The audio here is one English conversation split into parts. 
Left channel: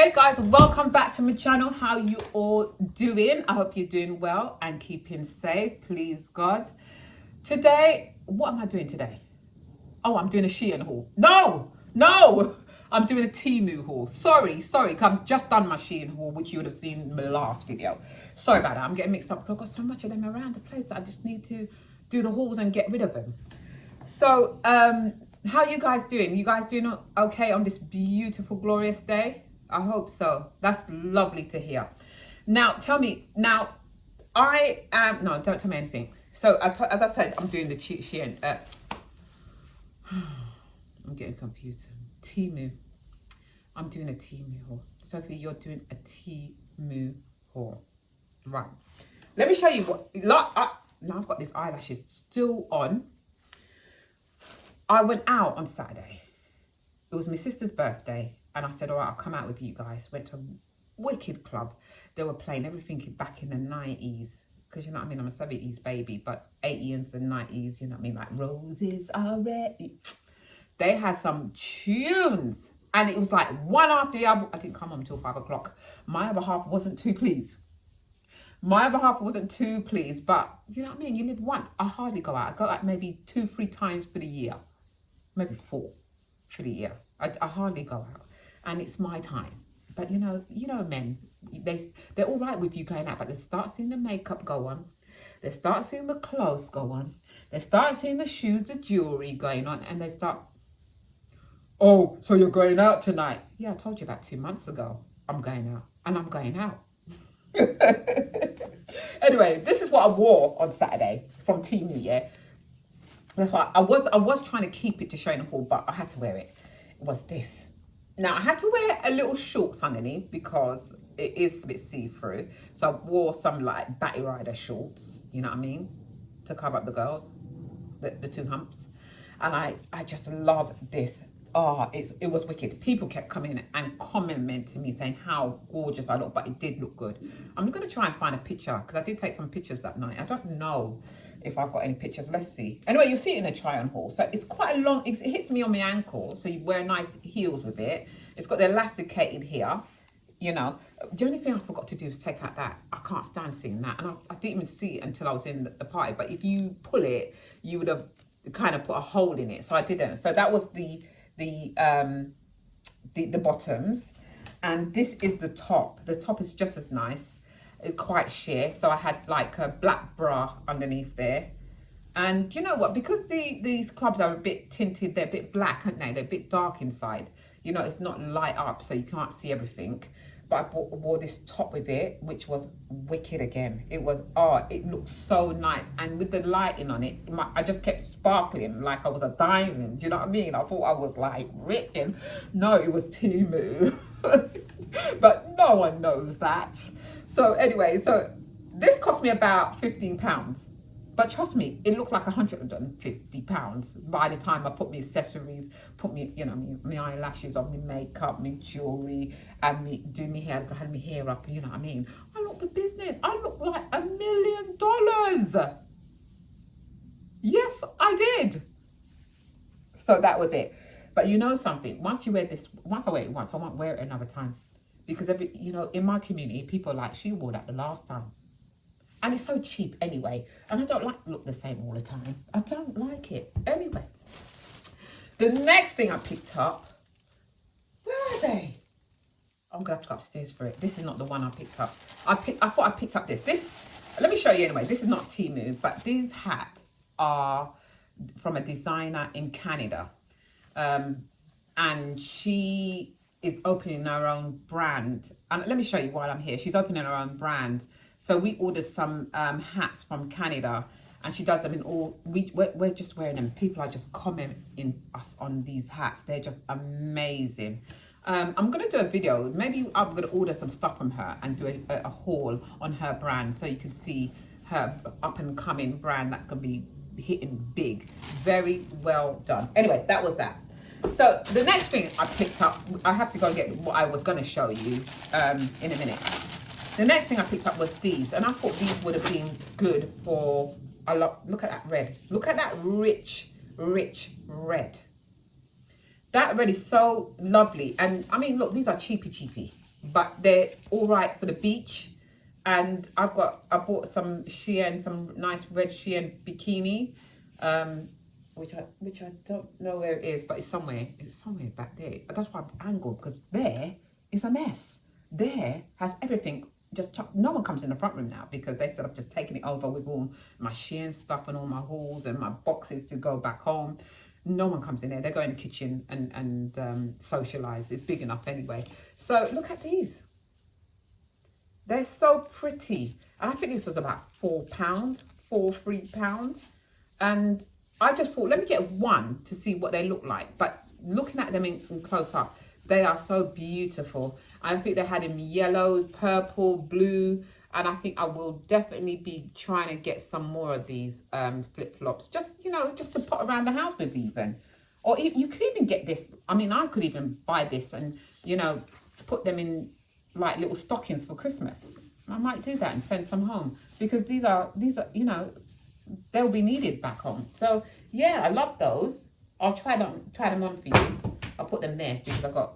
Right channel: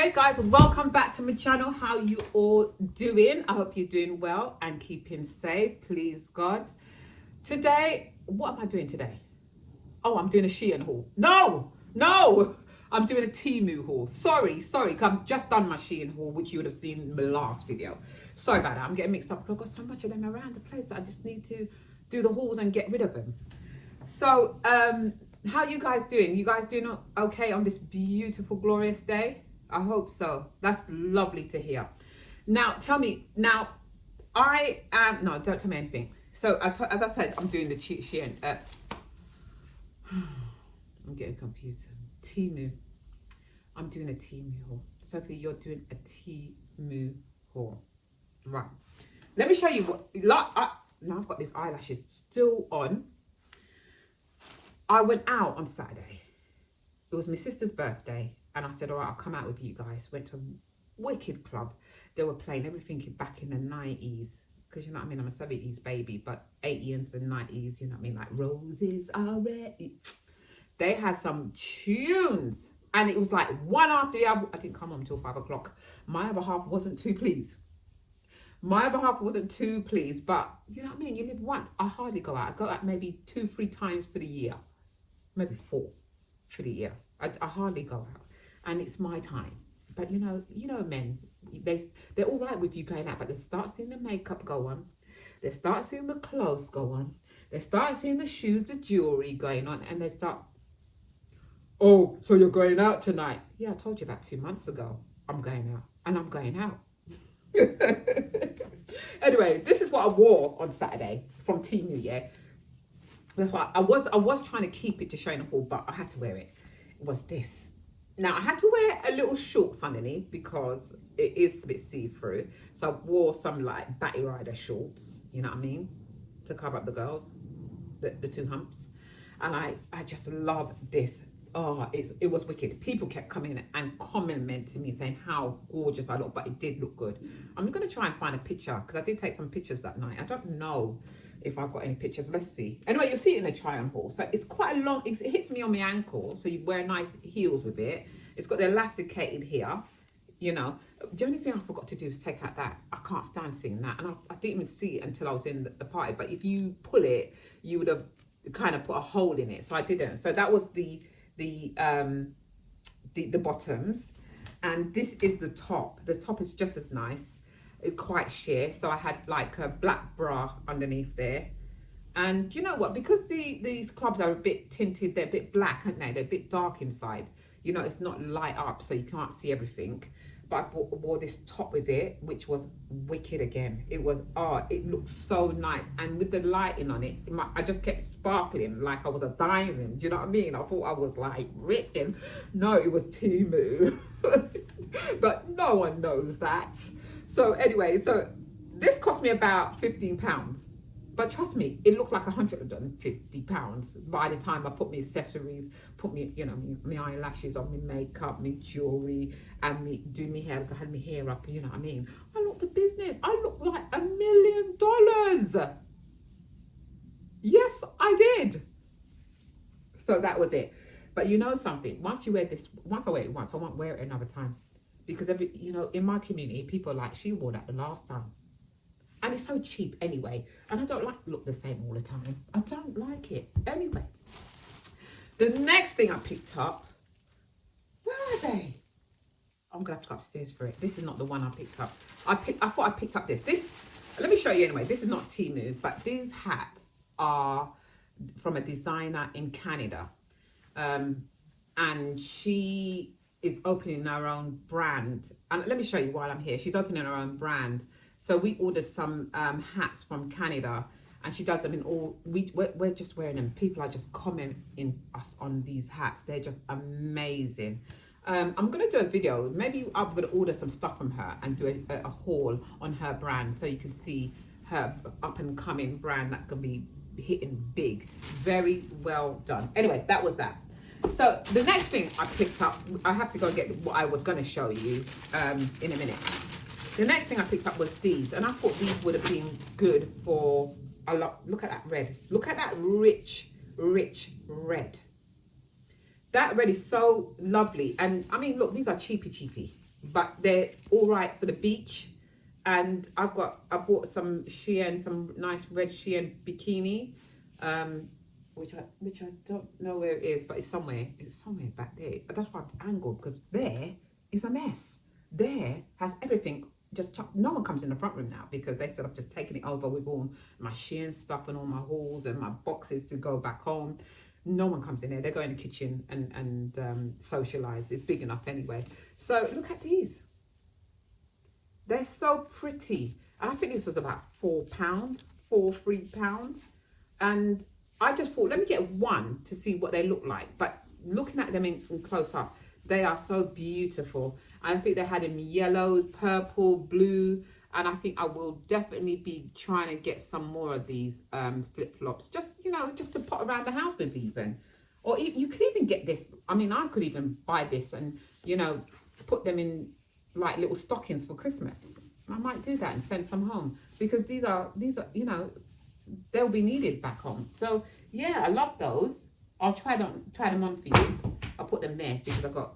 Hey guys, welcome back to my channel. How you all doing? I hope you're doing well and keeping safe, please God. Today, what am I doing today? Oh, I'm doing a Shein haul. No, I'm doing a Temu haul. Sorry, because I've just done my Shein haul, which you would have seen in my last video. Sorry about that, I'm getting mixed up because I've got so much of them around the place that I just need to do the hauls and get rid of them. So, how you guys doing? You guys doing okay on this beautiful, glorious day? I hope so. That's lovely to hear. Now, tell me, no, don't tell me anything. So, as I said, I'm doing the Shein, I'm getting confused. Temu. I'm doing a Temu haul. Sophie, you're doing a Temu haul. Right. Let me show you what, now I've got these eyelashes still on. I went out on Saturday. It was my sister's birthday. And I said, all right, I'll come out with you guys. Went to a wicked club. They were playing everything back in the 90s. Because, you know what I mean, I'm a 70s baby. But 80s and 90s, you know what I mean? Like, roses are red. They had some tunes. And it was like one after the other. I didn't come home until 5 o'clock. My other half wasn't too pleased. But, you know what I mean? You live once. I hardly go out. I go out maybe 2-3 times for the year. Maybe 4 for the year. I hardly go out. And it's my time. But you know men, they're all right with you going out, but they start seeing the makeup go on. They start seeing the clothes go on. They start seeing the shoes, the jewelry going on, and they start, oh, so you're going out tonight? Yeah, I told you about 2 months ago. I'm going out, and I'm going out. Anyway, this is what I wore on Saturday from Temu, yeah? That's why I was trying to keep it to show in the hall, but I had to wear it. It was this. Now, I had to wear a little shorts underneath because it is a bit see-through. So I wore some like Batty Rider shorts, you know what I mean? To cover up the girls, the two humps. And I just love this. Oh, it was wicked. People kept coming and complimenting me saying how gorgeous I look, but it did look good. I'm going to try and find a picture because I did take some pictures that night. I don't know if I've got any pictures. Let's see. Anyway, you'll see it in a try on haul. So it's quite a long, it hits me on my ankle. So you wear nice heels with it. It's got the elasticated here, you know. The only thing I forgot to do is take out that. I can't stand seeing that. And I didn't even see it until I was in the party. But if you pull it, you would have kind of put a hole in it. So I didn't. So that was the bottoms. And this is the top. The top is just as nice. It's quite sheer. So I had like a black bra underneath there. And you know what? Because these clubs are a bit tinted, they're a bit black, aren't they? They're a bit dark inside. You know, it's not light up, so you can't see everything. But I wore this top with it, which was wicked again. It was, it looked so nice. And with the lighting on it, I just kept sparkling like I was a diamond. You know what I mean? I thought I was like written. No, it was Temu. But no one knows that. So anyway, so this cost me about £15. But trust me, it looked like £150 by the time I put my accessories, put me, you know, my eyelashes on, my makeup, my jewelry, and do my hair. I had my hair up, you know what I mean? I looked the business. I looked like $1 million. Yes, I did. So that was it. But you know something? Once you wear this, once I wear it once, I won't wear it another time. Because in my community, people are like, she wore that the last time. And it's so cheap anyway. And I don't like to look the same all the time. I don't like it. Anyway. The next thing I picked up. Where are they? I'm going to have to go upstairs for it. This is not the one I picked up. I thought I picked up this. Let me show you anyway. This is not Temu. But these hats are from a designer in Canada. And she is opening her own brand. And let me show you while I'm here. She's opening her own brand. So we ordered some hats from Canada, and she does them in all. We're just wearing them. People are just commenting us on these hats. They're just amazing. I'm gonna do a video. Maybe I'm gonna order some stuff from her and do a haul on her brand, so you can see her up and coming brand that's gonna be hitting big. Very well done. Anyway, that was that. So the next thing I picked up, I have to go and get what I was gonna show you in a minute. The next thing I picked up was these, and I thought these would have been good for a lot. Look at that red. Look at that rich red. That red is so lovely. And I mean, look, these are cheapy. but they're all right for the beach. And I bought some Shein, some nice red Shein bikini, which I don't know where it is, but it's somewhere back there. That's why I've angled, because there is a mess. There has everything. No one comes in the front room now, because they said I've just taken it over with all my Shein stuff and all my hauls and my boxes to go back home. No one comes in there. They go in the kitchen and socialise. It's big enough anyway. So look at these. They're so pretty. And I think this was about £3. And I just thought, let me get one to see what they look like. But looking at them in close up, they are so beautiful. And I think they had them yellow, purple, blue. And I think I will definitely be trying to get some more of these flip-flops. Just, just to put around the house with even. Or you could even get this. I mean, I could even buy this and, put them in like little stockings for Christmas. I might do that and send some home, because these are they'll be needed back home. So yeah, I love those. I'll try them on for you. I'll put them there, because I don't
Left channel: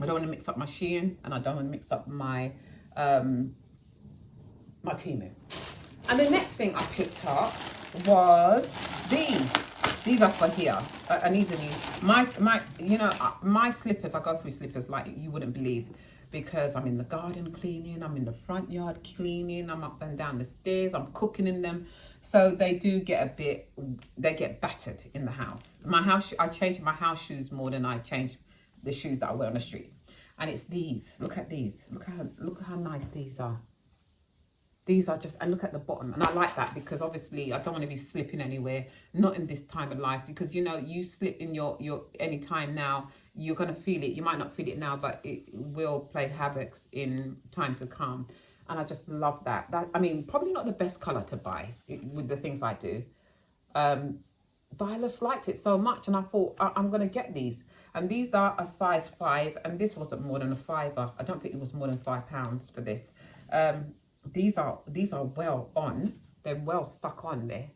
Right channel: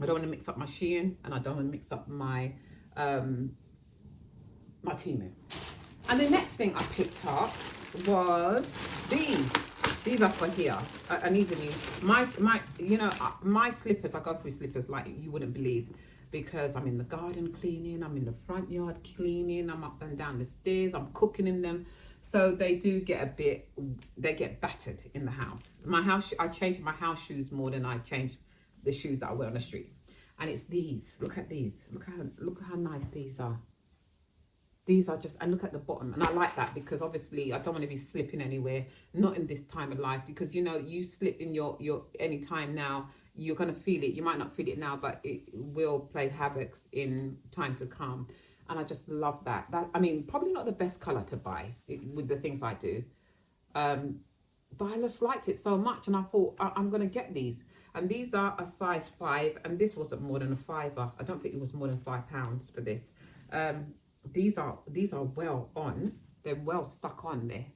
want to mix up my Shein, and I don't want to mix up my my Temu. And the next thing I picked up was these. These are for here. I need to use my slippers. I go through slippers like you wouldn't believe, because I'm in the garden cleaning, I'm in the front yard cleaning, I'm up and down the stairs, I'm cooking in them. So they do get they get battered in the house. I change my house shoes more than I change the shoes that I wear on the street. And it's these. Look at these. Look how nice these are. These are just, and look at the bottom. And I like that, because obviously I don't want to be slipping anywhere, not in this time of life, because you slip in your any time now, you're going to feel it. You might not feel it now, but it will play havoc in time to come. And I just love that. I mean, probably not the best colour to buy with the things I do. But I just liked it so much, and I thought I'm going to get these. And these are a size 5, and this wasn't more than a £5. I don't think it was more than £5 for this. These are well on. They're well stuck on there.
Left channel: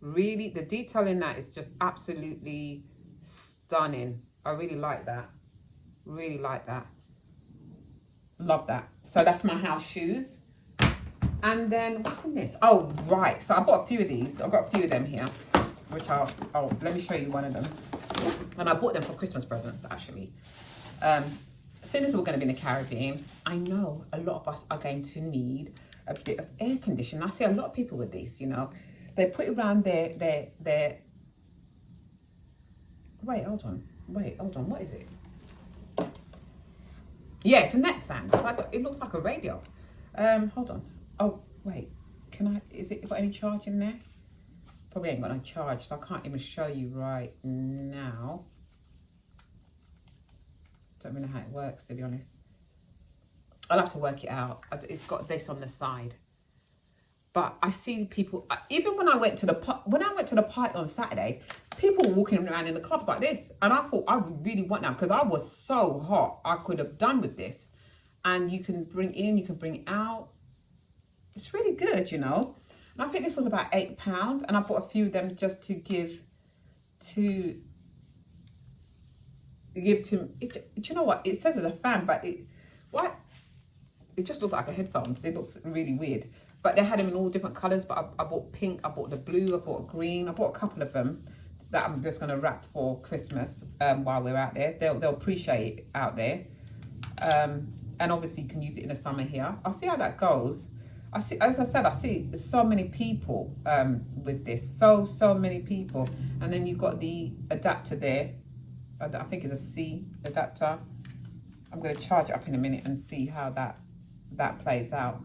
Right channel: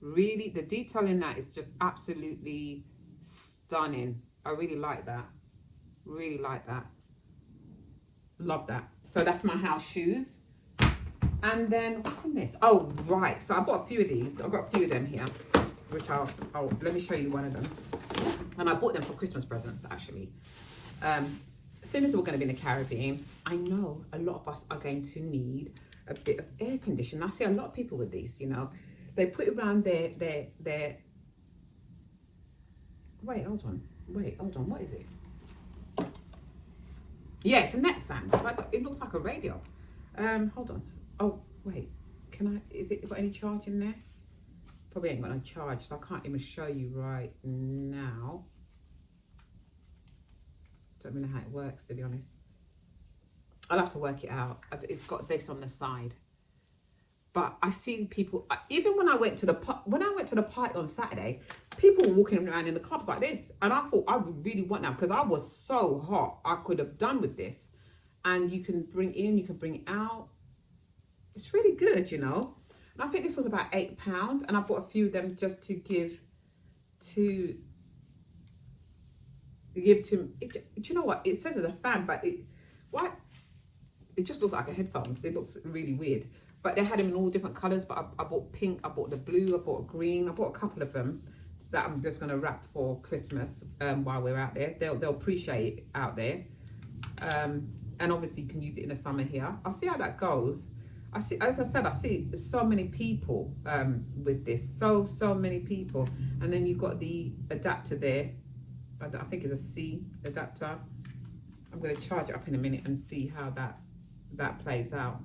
Really, the detail in that is just absolutely stunning. I really like that. Really like that. Love that. So that's my house shoes. And then what's in this? Oh, right. So I bought a few of these. I've got a few of them here, which let me show you one of them. And I bought them for Christmas presents, actually. Soon as we're going to be in the Caribbean, I know a lot of us are going to need a bit of air conditioning. I see a lot of people with these, They put it around their... Wait, hold on. What is it? Yeah, it's a net fan. It looks like a radio. Hold on. Oh, wait. Is it got any charge in there? Probably ain't got no charge, so I can't even show you right now. Don't really know how it works, to be honest. I'll have to work it out. It's got this on the side. But I see people, even when I went to the party on Saturday, people were walking around in the clubs like this. And I thought, I really want that, because I was so hot. I could have done with this. And you can bring in, you can bring out. It's really good, And I think this was about £8. And I bought a few of them just to give to... Do you know what? It says it's a fan, but it just looks like a headphones. It looks really weird. But they had them in all different colours. But I bought pink, I bought the blue, I bought green. I bought a couple of them that I'm just going to wrap for Christmas while we're out there. They'll appreciate it out there. And obviously you can use it in the summer here. I'll see how that goes. As I said, I see so many people with this. So many people. And then you've got the adapter there. I think it's a C adapter. I'm going to charge it up in a minute and see how that plays out.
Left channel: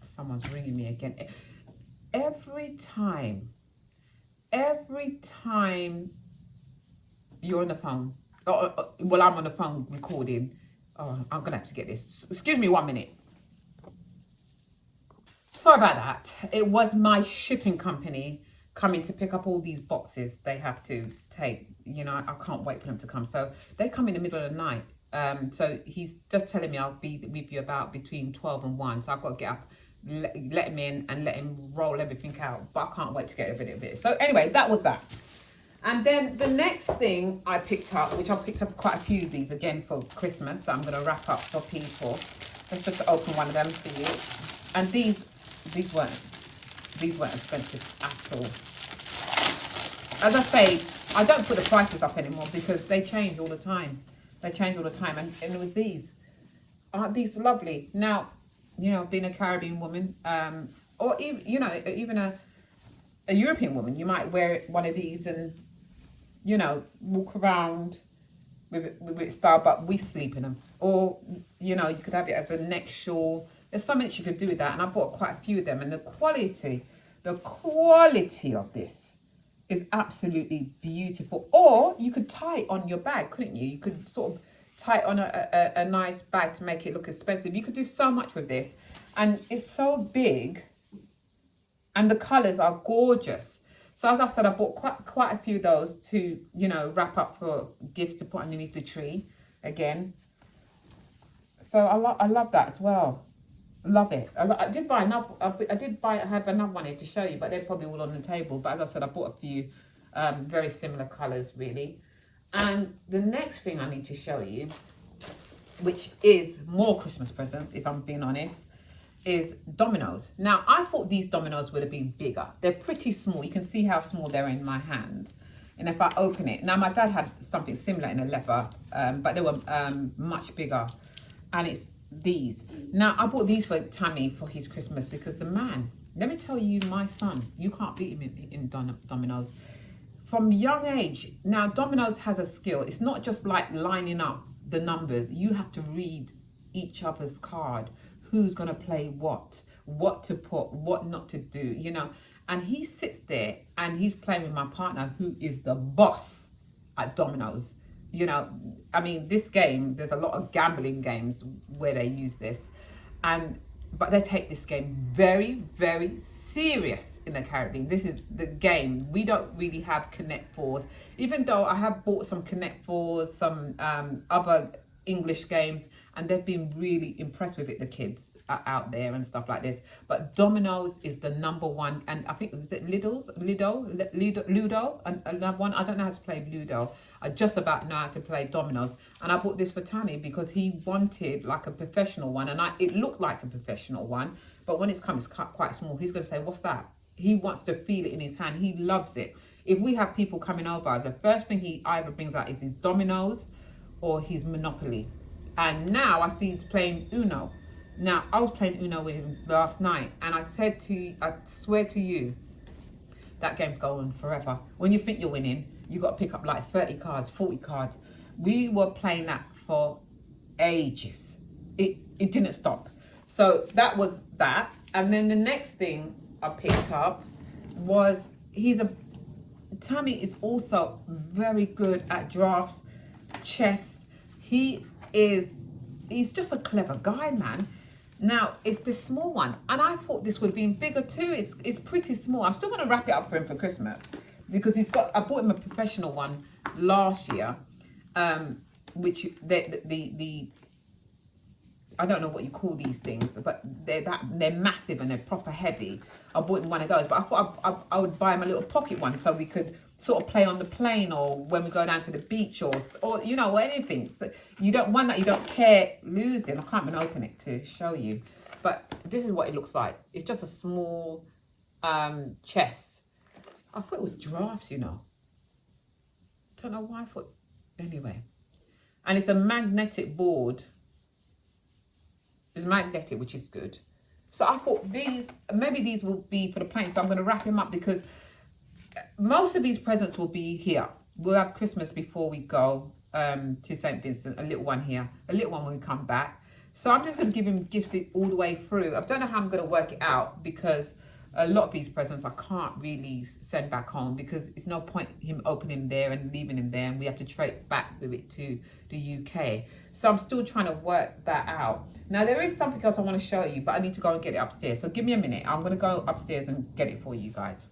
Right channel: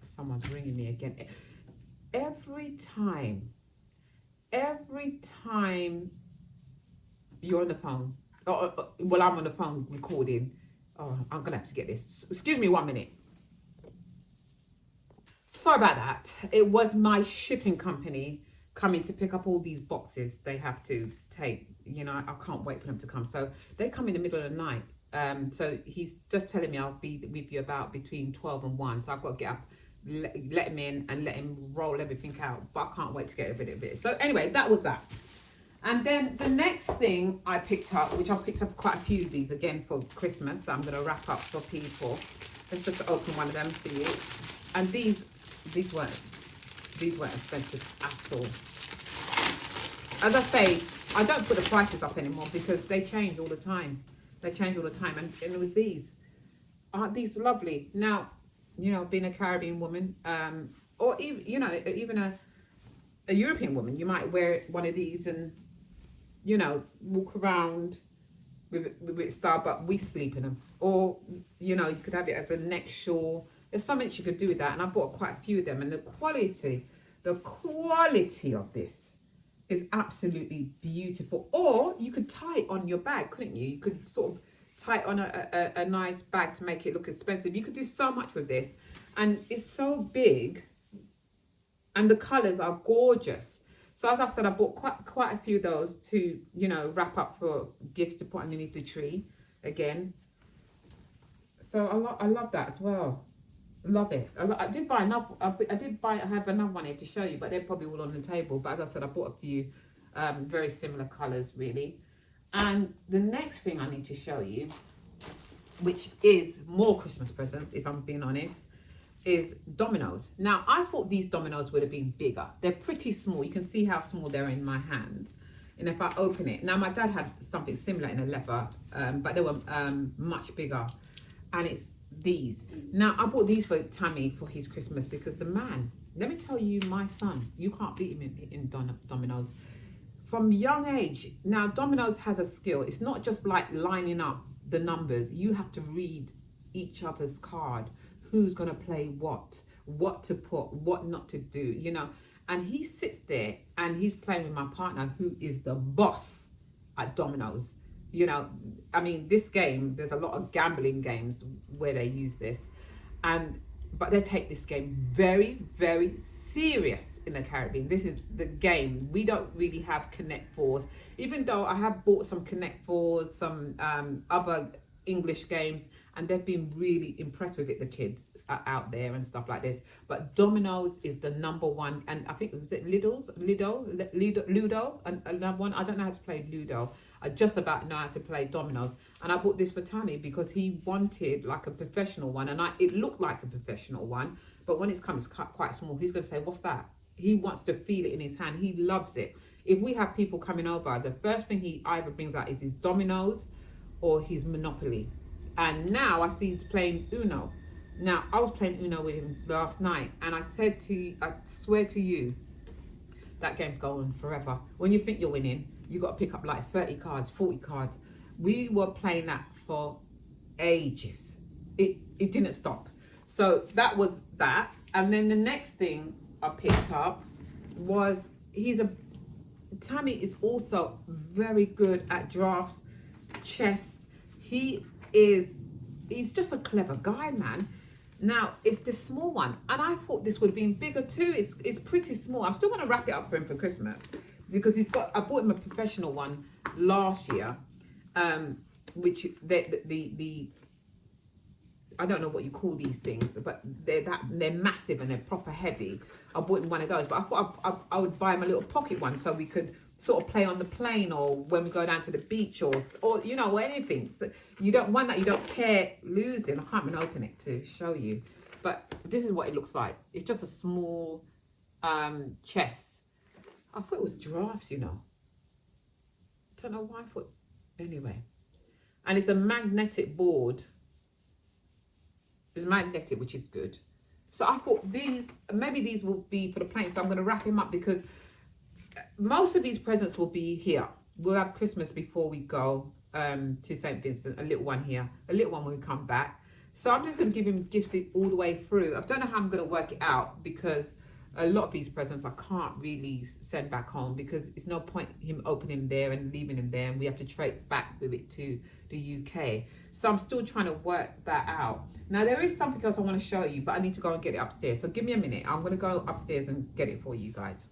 Someone's ringing me again. Every time you're on the phone, well, I'm on the phone recording. Oh, I'm going to have to get this. Excuse me 1 minute. Sorry about that. It was my shipping company coming to pick up all these boxes they have to take. I can't wait for them to come. So they come in the middle of the night. So he's just telling me I'll be with you about between 12 and 1. So I've got to get up, let him in and let him roll everything out. But I can't wait to get rid of it. So anyway, that was that. And then the next thing I picked up, which I've picked up quite a few of these again for Christmas that I'm going to wrap up for people. Let's just open one of them for you. And these weren't expensive at all. As I say, I don't put the prices up anymore because they change all the time. They change all the time. And it was these. Aren't these lovely? Now, you know, being a Caribbean woman, or even, you know, even a European woman, you might wear one of these and, you know, walk around with style, but we sleep in them. Or, you know, you could have it as a neck shawl. There's so much you could do with that. And I bought quite a few of them. And the quality of this is absolutely beautiful. Or you could tie it on your bag, couldn't you? You could sort of tie it on a nice bag to make it look expensive. You could do so much with this. And it's so big. And the colours are gorgeous. So as I said, I bought quite a few of those to, you know, wrap up for gifts to put underneath the tree again. So I love that as well. Love it. I did buy another. I have another one here to show you, but they're probably all on the table. But as I said, I bought a few very similar colours, really. And the next thing I need to show you, which is more Christmas presents, if I'm being honest, is dominoes. Now, I thought these dominoes would have been bigger. They're pretty small. You can see how small they're in my hand. And if I open it, now my dad had something similar in a leather, but they were much bigger. And it's these. Now, I bought these for Tammy for his Christmas because the man, let me tell you, my son, you can't beat him in dominoes. From young age, now dominoes has a skill. It's not just like lining up the numbers. You have to read each other's card. Who's going to play what to put, what not to do, you know. And he sits there and he's playing with my partner, who is the boss at dominoes. You know, I mean, this game, there's a lot of gambling games where they use this. But they take this game very, very serious in the Caribbean. This is the game. We don't really have Connect Fours, even though I have bought some Connect Fours, some other English games, and they've been really impressed with it, the kids are out there and stuff like this. But dominoes is the number one, and I think, is it Ludo, another one. I don't know how to play Ludo. I just about know how to play dominoes. And I bought this for Tammy because he wanted like a professional one, and it looked like a professional one, but when it's quite small, he's going to say, what's that? He wants to feel it in his hand. He loves it. If we have people coming over, the first thing he either brings out is his dominoes or his Monopoly. And now I see he's playing Uno. Now, I was playing Uno with him last night, and I swear to you, that game's going forever. When you think you're winning, you got to pick up like 30 cards, 40 cards. We were playing that for ages. It didn't stop. So that was that. And then the next thing I picked up was, Tammy is also very good at drafts, chess. He's just a clever guy, man. Now, it's this small one, and I thought this would have been bigger too. It's pretty small. I'm still going to wrap it up for him for Christmas because I bought him a professional one last year, which I don't know what you call these things, but they're massive and they're proper heavy. I bought him one of those, but I thought I would buy him a little pocket one so we could sort of play on the plane or when we go down to the beach or you know, anything. So you don't care losing. I can't even open it to show you, but this is what it looks like. It's just a small chess. I thought it was drafts, you know. Don't know why I thought. Anyway, and it's a magnetic board. It's magnetic, which is good. So I thought maybe these will be for the plane. So I'm going to wrap him up because most of these presents will be here. We'll have Christmas before we go to St. Vincent, a little one here, a little one when we come back. So I'm just going to give him gifts all the way through. I don't know how I'm going to work it out because a lot of these presents I can't really send back home because it's no point him opening there and leaving him there, and we have to trade back with it to the UK. So I'm still trying to work that out. Now there is something else I want to show you, but I need to go and get it upstairs. So give me a minute. I'm going to go upstairs and get it for you guys.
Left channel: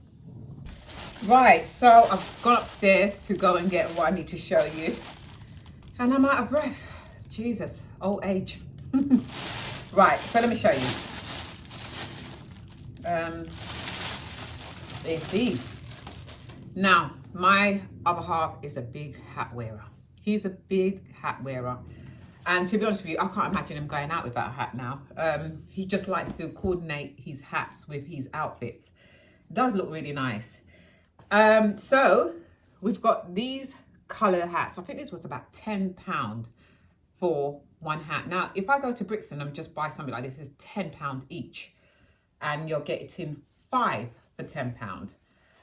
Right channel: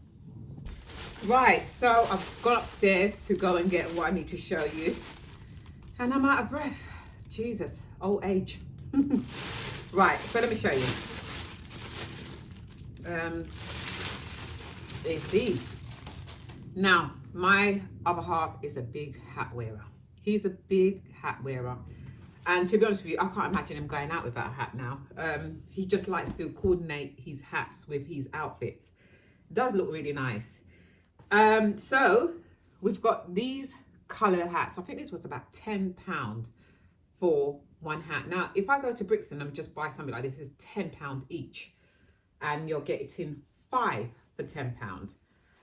Right, so I've gone upstairs to go and get what I need to show you. And I'm out of breath. Jesus, old age. Right, so let me show you. There's these. Now, my other half is a big hat wearer. He's a big hat wearer. And to be honest with you, I can't imagine him going out without a hat now. He just likes to coordinate his hats with his outfits. Does look really nice. So we've got these colour hats. I think this was about £10 for one hat. Now, if I go to Brixton and just buy something like this, it's £10 each. And you're getting 5 for £10.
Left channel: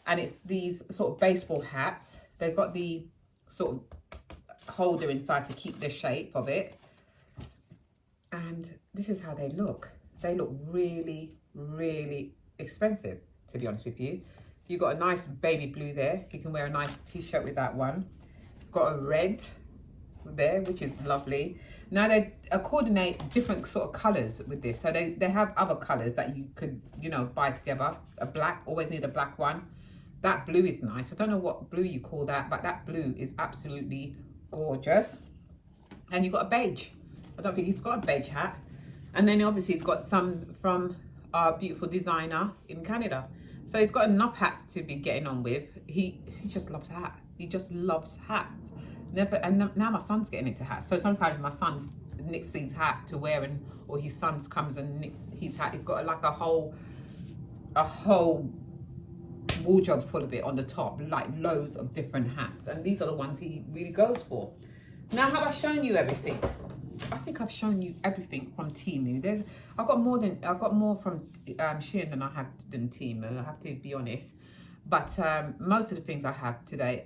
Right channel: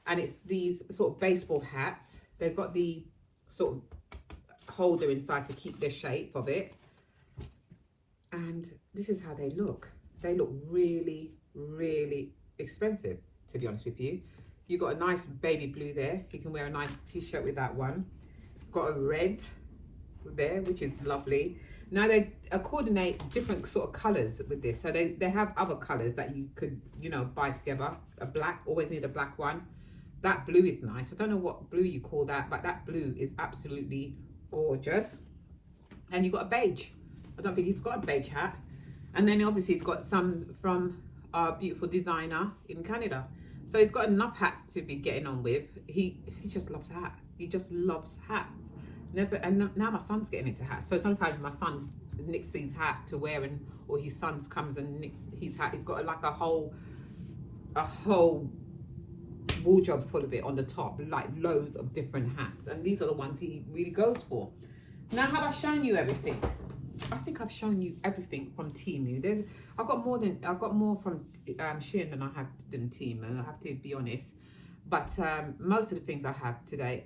And it's these sort of baseball hats. They've got the sort of holder inside to keep the shape of it. And this is how they look. They look really, really expensive, to be honest with you. You've got a nice baby blue there. You can wear a nice t-shirt with that one. Got a red there, which is lovely. Now they coordinate different sort of colours with this. So they have other colours that you could, you know, buy together. A black, always need a black one. That blue is nice. I don't know what blue you call that, but that blue is absolutely gorgeous. And you've got a beige. I don't think he's got a beige hat. And then obviously he's got some from our beautiful designer in Canada. So he's got enough hats to be getting on with. He just loves hats. He just loves hats. Now my son's getting into hats. So sometimes my son nicks his hat to wear, or his son comes and nicks his hat. He's got like a whole wardrobe full of it on the top, like loads of different hats. And these are the ones he really goes for. Now, have I shown you everything? I think I've shown you everything from Temu. I've got more from Shein than I have than Temu, I have to be honest. But most of the things I have today,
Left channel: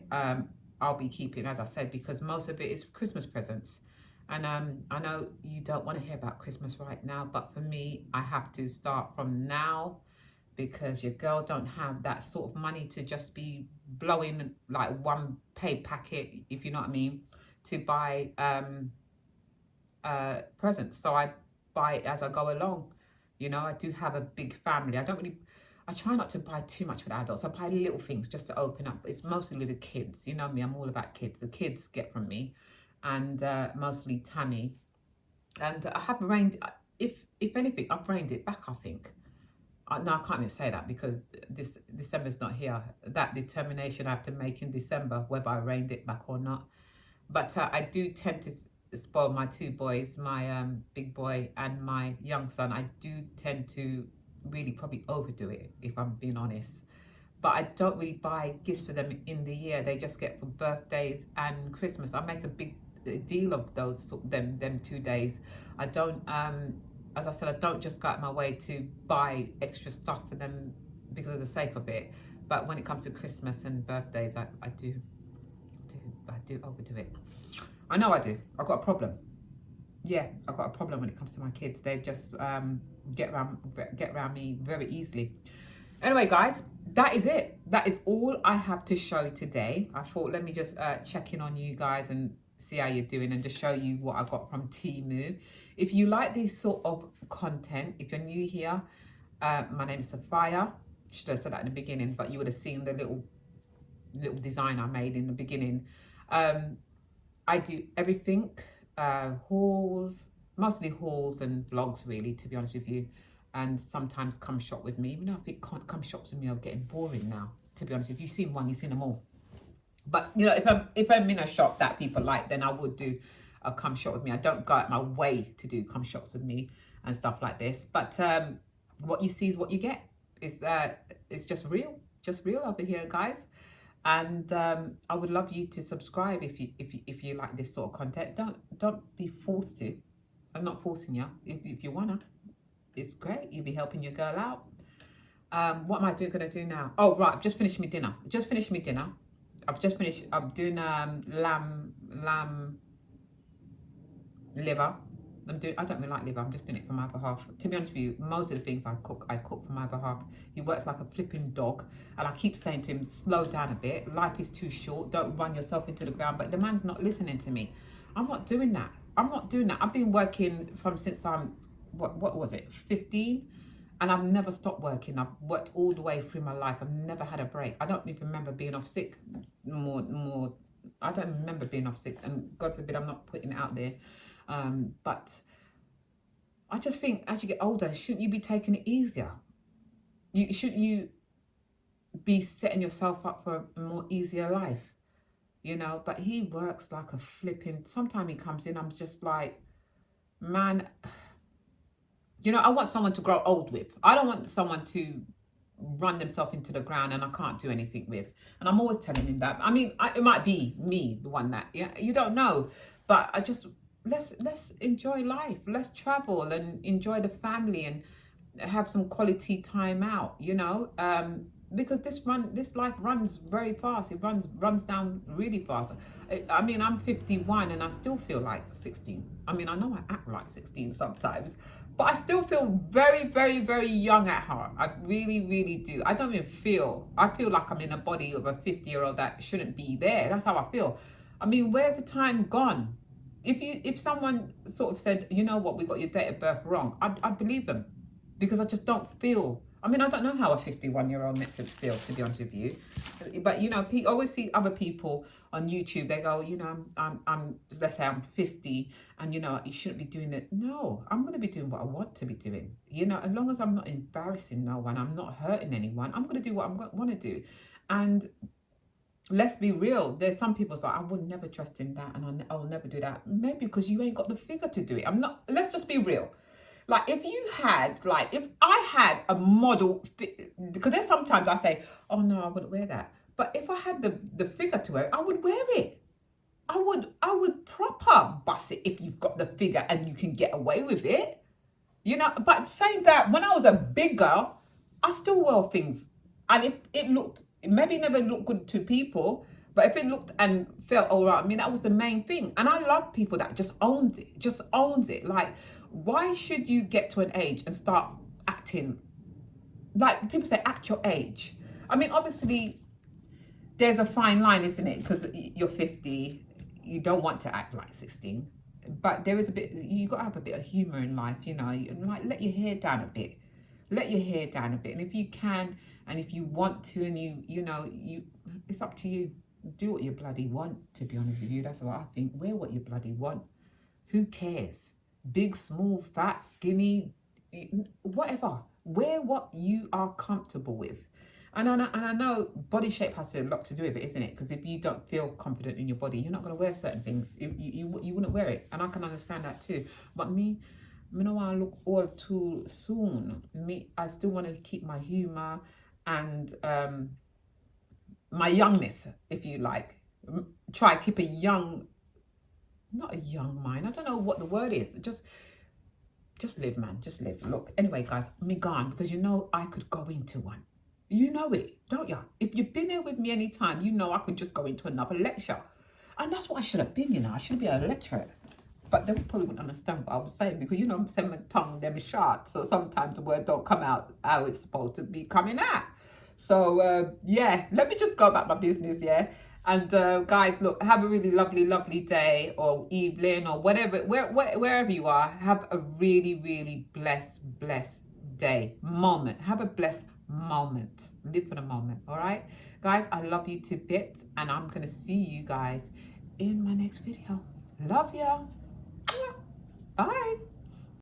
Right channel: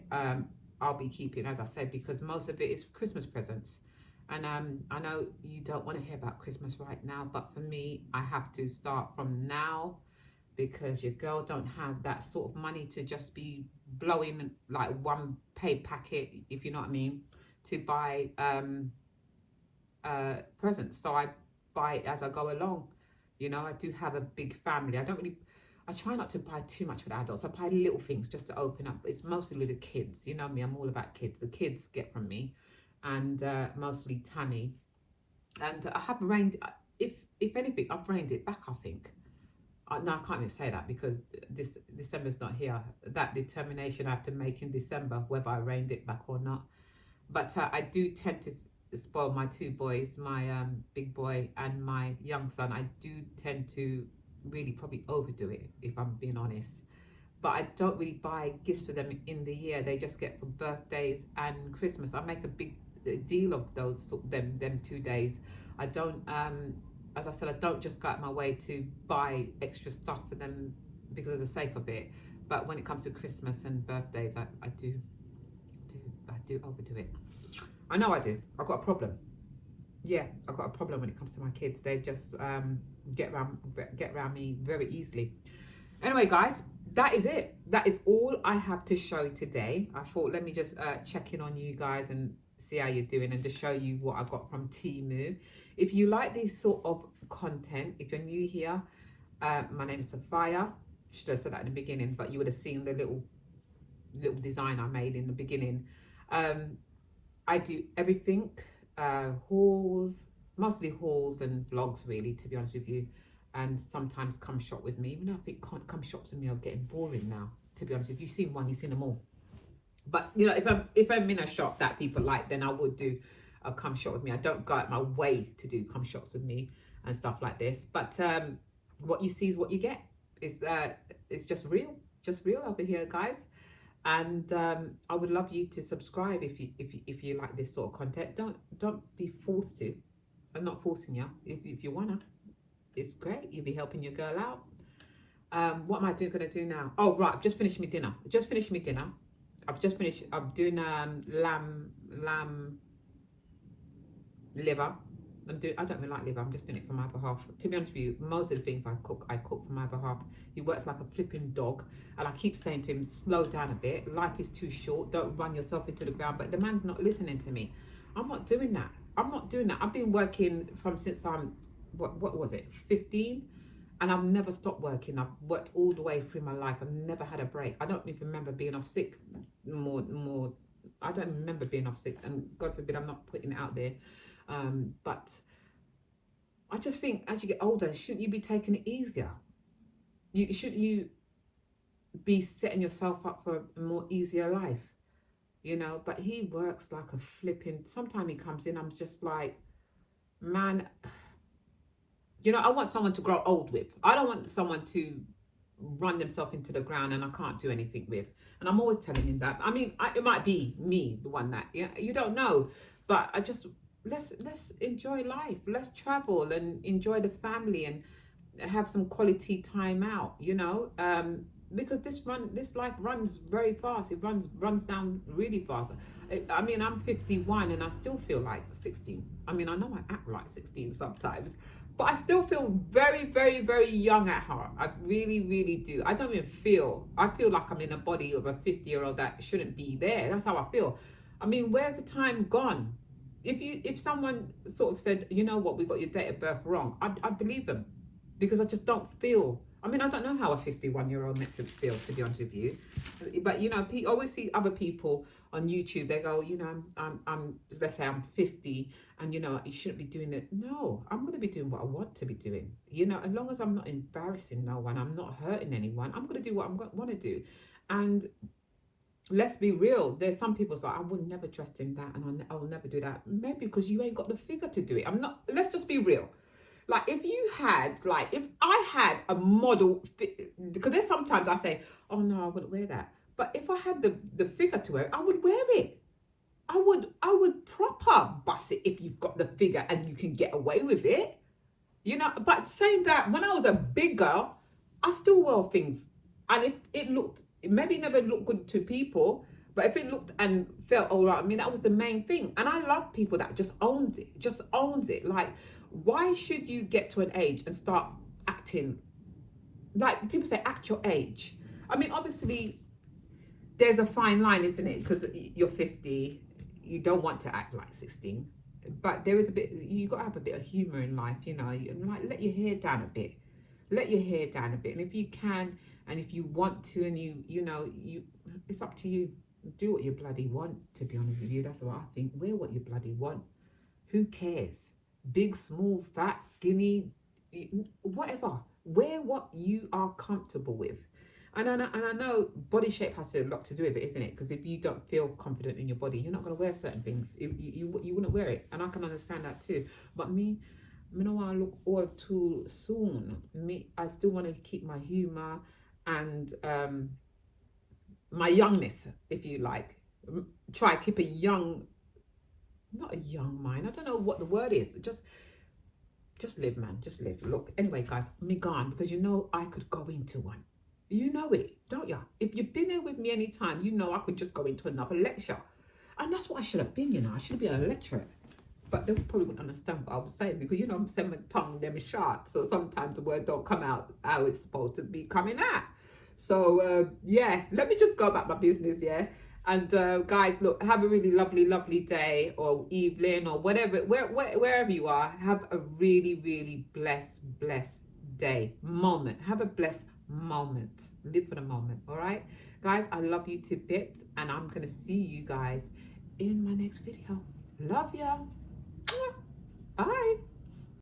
I'll be keeping, as I said, because most of it is Christmas presents. And I know you don't want to hear about Christmas right now, but for me, I have to start from now, because your girl don't have that sort of money to just be blowing like one paid packet, if you know what I mean, to buy presents. So I buy it as I go along. You know, I do have a big family. I try not to buy too much for the adults. I buy little things just to open up. It's mostly the kids. You know me, I'm all about kids. The kids get from me, and mostly Tammy. And I have reined, if anything, I've reined it back, I think. No, I can't even say that, because December's not here. That determination I have to make in December, whether I reined it back or not. But I do tend to spoil my two boys, my big boy and my young son. I do tend to really probably overdo it, if I'm being honest. But I don't really buy gifts for them in the year. They just get for birthdays and Christmas. I make a big deal of them 2 days. I don't, as I said, I don't just go out my way to buy extra stuff for them because of the sake of it. But when it comes to Christmas and birthdays, I do overdo it. I know I do. I've got a problem. Yeah, I've got a problem when it comes to my kids. They just get around me very easily. Anyway, guys, that is it. That is all I have to show today. I thought, let me just check in on you guys and see how you're doing, and just show you what I got from Temu. If you like this sort of content, if you're new here, my name is Sophia. Should have said that in the beginning, but you would have seen the little design I made in the beginning. I do everything, hauls, mostly hauls and vlogs, really, to be honest with you. And sometimes come shop with me. Even though I think come shops with me are getting boring now, to be honest. If you've seen one, you've seen them all. But you know, if I'm in a shop that people like, then I would do a come shop with me. I don't go out my way to do come shops with me and stuff like this. But what you see is what you get. It's just real over here, guys. And I would love you to subscribe if you like this sort of content. Don't be forced to. I'm not forcing you. If you wanna, it's great. You'll be helping your girl out. What am I gonna do now? Oh right, I've just finished my dinner. I'm doing lamb liver. I don't really like liver. I'm just doing it for my behalf. To be honest with you, most of the things I cook for my behalf. He works like a flipping dog, and I keep saying to him, slow down a bit. Life is too short. Don't run yourself into the ground. But the man's not listening to me. I'm not doing that. I've been working since I'm, what was it, 15? And I've never stopped working. I've worked all the way through my life. I've never had a break. I don't even remember being off sick more. I don't remember being off sick. And God forbid, I'm not putting it out there. But I just think as you get older, shouldn't you be taking it easier? Shouldn't you be setting yourself up for a more easier life, you know. But he works like a flipping. Sometimes he comes in, I'm just like, man, you know, I want someone to grow old with. I don't want someone to run themselves into the ground and I can't do anything with. And I'm always telling him that. I mean, it might be me, the one that, yeah, you don't know. But I just, let's enjoy life. Let's travel and enjoy the family and have some quality time out, you know. Because this life runs very fast. It runs down really fast. I mean, I'm 51 and I still feel like 16. I mean, I know I act like 16 sometimes, but I still feel very, very, very young at heart. I really, really do. I don't even feel, I feel like I'm in a body of a 50-year-old that shouldn't be there. That's how I feel. I mean, where's the time gone? If someone sort of said, you know what, we got your date of birth wrong, I'd believe them, because I just don't feel. I mean, I don't know how a 51-year-old meant to feel, to be honest with you. But, you know, I always see other people on YouTube, they go, you know, I'm let's say I'm 50 and, you know, you shouldn't be doing it. No, I'm going to be doing what I want to be doing. You know, as long as I'm not embarrassing no one, I'm not hurting anyone, I'm going to do what I want to do. And let's be real, there's some people say, I would never trust in that and I'll never do that. Maybe because you ain't got the figure to do it. Let's just be real. Like, if I had a model, because there's sometimes I say, oh no, I wouldn't wear that. But if I had the figure to wear it, I would wear it. I would proper bust it if you've got the figure and you can get away with it. You know, but saying that, when I was a big girl, I still wore things. And if it looked, it maybe never looked good to people, but if it looked and felt all right, I mean, that was the main thing. And I love people that just owns it. Like, why should you get to an age and start acting like, people say act your age? I mean, obviously there's a fine line, isn't it? Because you're 50, you don't want to act like 16, but there is a bit, you got to have a bit of humor in life, you know. Like, let your hair down a bit, and if you can and if you want to, and you know, it's up to you. Do what you bloody want, to be honest with you. That's what I think. Wear what you bloody want. Who cares? Big, small, fat, skinny, whatever. Wear what you are comfortable with. And I know body shape has a lot to do with it, isn't it? Because if you don't feel confident in your body, you're not going to wear certain things. You wouldn't wear it. And I can understand that too. But me don't want to look all too soon. I still want to keep my humour and my youngness, if you like. Try to keep a young, not a young mind. I don't know what the word is. Just live, man. Just live. Look, anyway, guys, me gone, because you know I could go into one. You know it, don't you? If you've been here with me any time, you know I could just go into another lecture. And that's what I should have been, you know. I should be a lecturer. But they probably wouldn't understand what I was saying, because, you know, I'm saying my tongue, them short. So sometimes the word don't come out how it's supposed to be coming out. So, yeah, let me just go about my business, yeah? And guys, look, have a really lovely, lovely day or evening or whatever, wherever you are. Have a really, really blessed day, moment. Have a blessed moment. Live for the moment, all right? Guys, I love you to bits, and I'm going to see you guys in my next video. Love ya. Bye.